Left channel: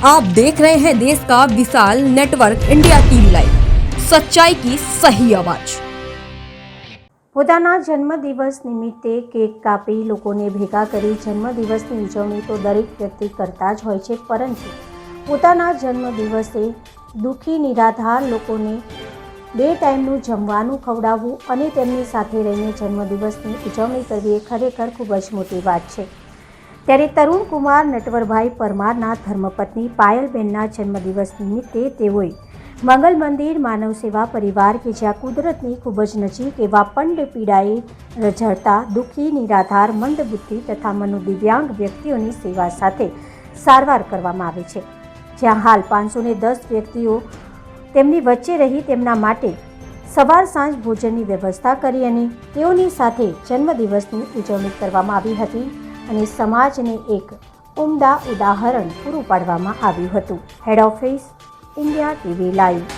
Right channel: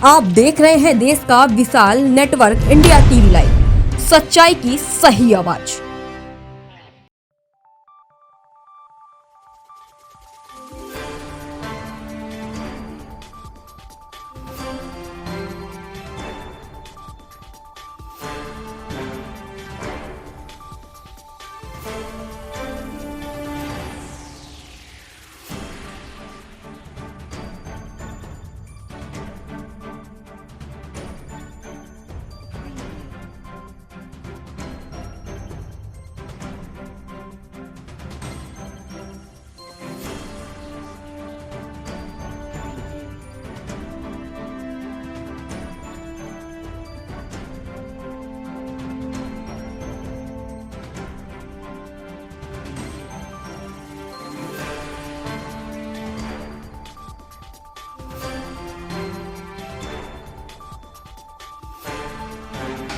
आप देख रहे हैं देश का विशाल नेटवर्क इंडिया टीवी लाइव, सच्चाई की सही आवाज। પોતાના જન્મદિવસ નિમિત્તે કેક કાપી લોકોને ભેગા કરી જન્મદિવસની ઉજવણી તો દરેક વ્યક્તિ કરતા જ હોય છે, પરંતુ પોતાના જન્મદિવસે દુઃખી નિરાધાર લોકોને 2 ટાઈમનું જમવાનું ખવડાવવું અને તેમની સાથે રહીને જન્મદિવસની ઉજવણી કરવી એ ખરેખર ખૂબ જ મોટી વાત છે। ત્યારે તરુણ કુમાર નટવરભાઈ પરમારના ધર્મપત્ની પાયલબેનના જન્મદિવસ નિમિત્તે તેઓએ મંગલ મંદિર માનવ સેવા પરિવાર કે જ્યાં કુદરતની ખૂબ જ નજીક એવા પંડ પીડાએ રઝળતા દુઃખી નિરાધાર મંદબુદ્ધિ તથા મનોદિવ્યાંગ વ્યક્તિઓની સેવા સાથે સારવાર કરવામાં આવે છે, જ્યાં હાલ 510 વ્યક્તિઓ તેમની વચ્ચે રહી તેમના માટે સવાર સાંજ ભોજનની વ્યવસ્થા કરી અને તેઓની સાથે જન્મદિવસની ઉજવણી કરવામાં આવી હતી અને સમાજને એક ઉમદા ઉદાહરણ પૂરું પાડવામાં આવ્યું હતું। Head office India TV live.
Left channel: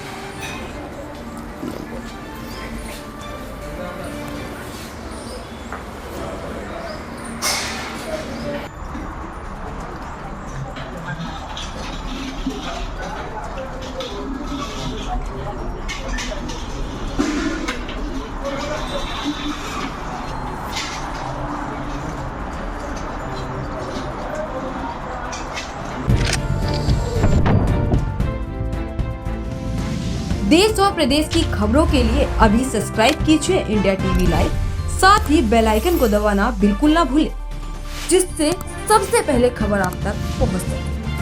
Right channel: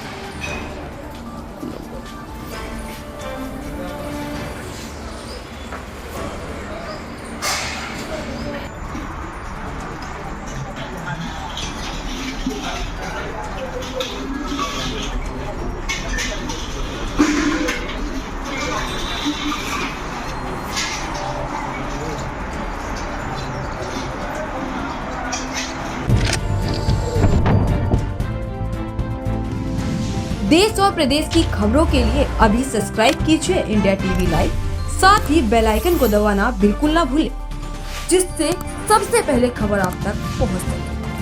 देश और प्रदेश की खबरों के लिए अभी सब्सक्राइब कीजिए इंडिया टीवी लाइव, साथ ही बेल आइकन को दबाना बिल्कुल ना भूलें, जिससे सबसे पहले खबर आप तक पहुंच सके।